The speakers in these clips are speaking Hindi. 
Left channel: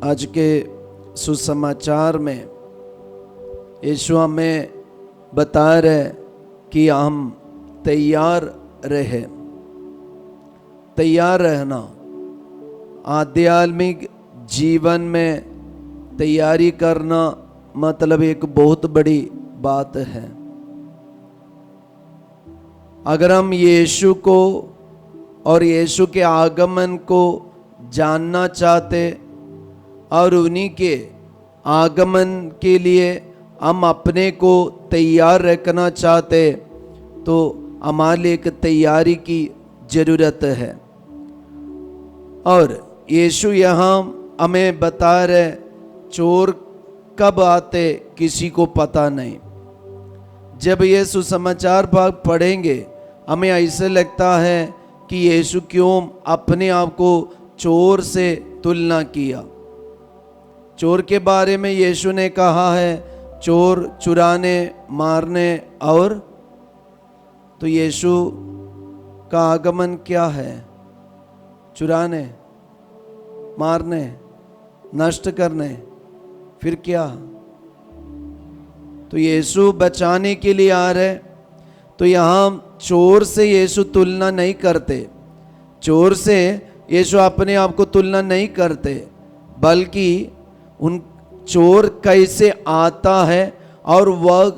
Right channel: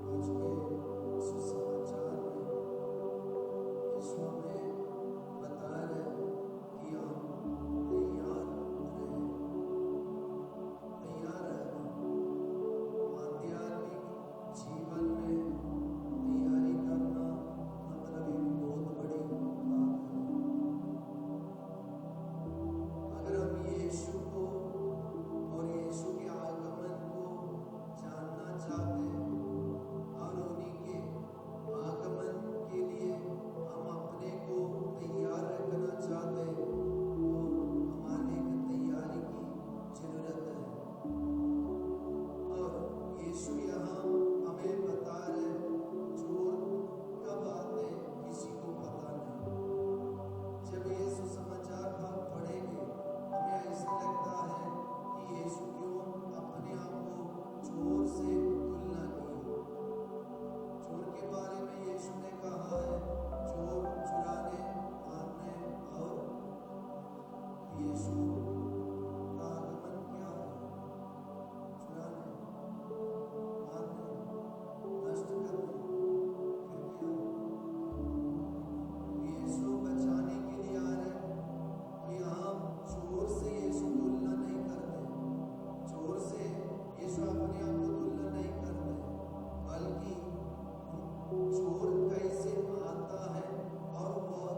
आज के सुसमाचार में यीशु हमें बता रहे कि हम तैयार रहे। तैयार रहना आध्यात्मिक जीवन में तैयारी करना मतलब एक बहुत बड़ी बात है। अगर हम यीशु को और यीशु के आगमन को जानना चाहते और उन्हीं के आगमन के लिए हम अपने को तैयार रखना चाहते तो हमारे लिए एक तैयारी की जरूरत है। और यीशु यहाँ हमें बता रहे चोर कब आते किसी को पता नहीं। जब ये सुसमाचार भाग पढ़ेंगे हमें ऐसे लगता है कि यीशु क्यों अपने आप को चोर से तुलना किया। चोर के बारे में यीशु ने कहा है चोर चुराने मारने और तो यीशु का आगमन क्या है? चुराने मारने नष्ट करने, फिर क्या? तो यीशु बचाने के लिए आ रहे। तो यहाँ चोर से यीशु तुलना नहीं करते। चोर से यीशु अपने आप को तुलना नहीं करते, बल्कि उन चोर कैसे आता है और वह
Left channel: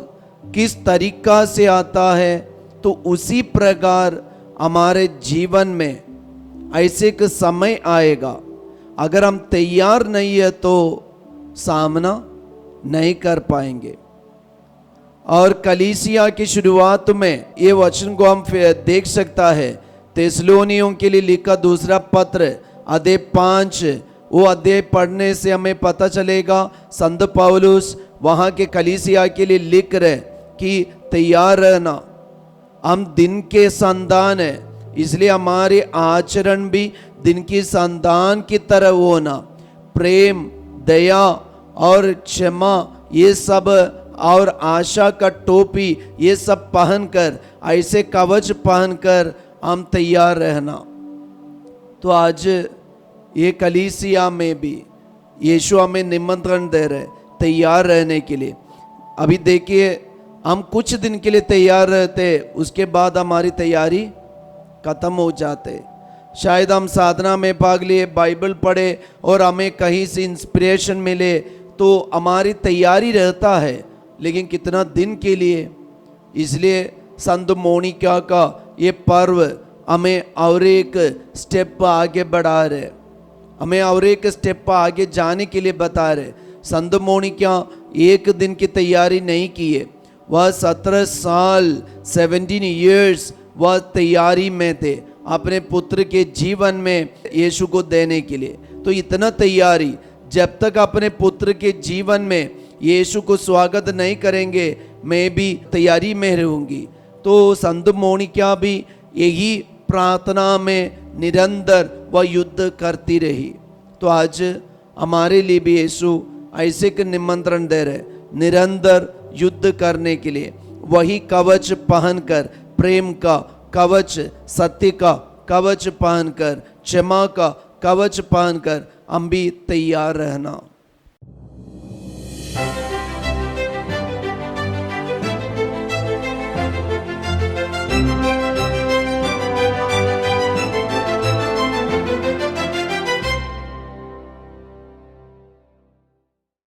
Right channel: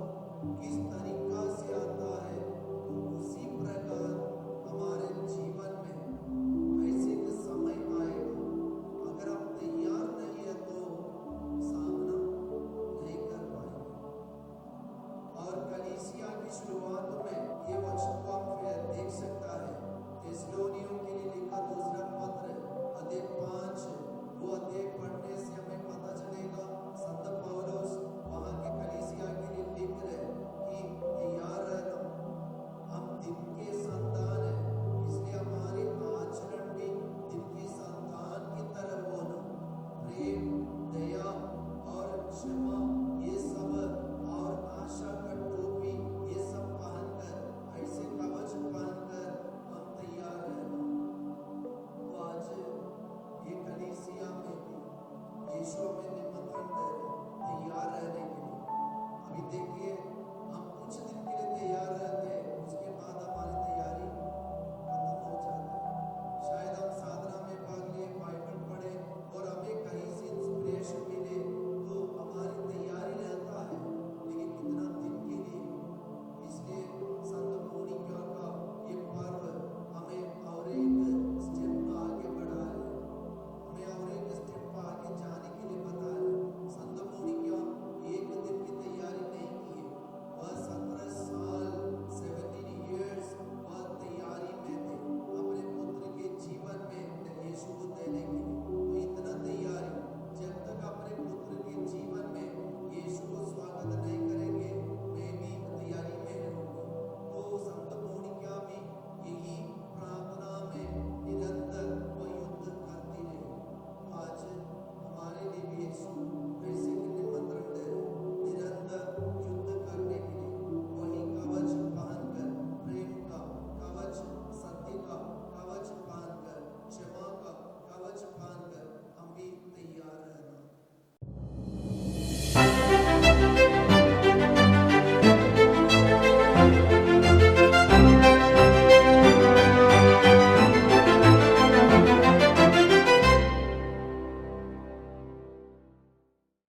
किस तरीका से आता है, तो उसी प्रकार हमारे जीवन में ऐसे एक समय आएगा अगर हम तैयार नहीं है तो सामना नहीं कर पाएंगे। और कलीसिया की शुरुआत में ये वचन को हम देख सकता है। थिस्सलुनीयों के लिए लिखा दूसरा पत्र अध्याय 5, वो अध्याय पढ़ने से हमें पता चलेगा संत पौलुस वहाँ के कलीसिया के लिए लिख रहे कि तैयार रहना, हम दिन के संतान है, इसलिए हमारे आचरण भी दिन की संतान की तरह होना। प्रेम, दया और क्षमा ये सब और आशा का टोपी ये सब पहनकर, ऐसे कवच पहनकर हम तैयार रहना। तो आज ये कलीसिया में भी यीशु हमें निमंत्रण दे रहे तैयार रहने के लिए। अभी देखिए हम कुछ दिन के लिए तैयार रहते, उसके बाद हमारी तैयारी खत्म हो जाते। शायद हम साधना में भाग लिए, बाइबल पढ़े और हमें कहीं से इंस्पिरेशन मिले तो हमारी तैयारी रहता है, लेकिन कितना दिन के लिए। इसलिए संत मोनिका का ये पर्व हमें और एक स्टेप आगे बढ़ा रहे, हमें और एक स्टेप आगे जाने के लिए बता रहे। संत मोनिका एक दिन की तैयारी नहीं की है, वह 17 साल 17 इयर्स वह तैयारी में थे अपने पुत्र के जीवन में यीशु को देने के लिए। तो इतना तैयारी, जब तक अपने पुत्र के जीवन में यीशु को स्वागत नहीं करेंगे मैं भी तैयारी में रहूंगी। तो संत मोनिका भी यही प्रार्थना में निरंतर वह युद्ध करती रही। तो आज हमारे लिए भी यीशु ऐसे एक निमंत्रण दे रहे निरंतर युद्ध करने के लिए। वही कवच पहनकर, प्रेम का कवच, सत्य का कवच पहनकर, क्षमा का कवच पहनकर हम भी तैयार रहना।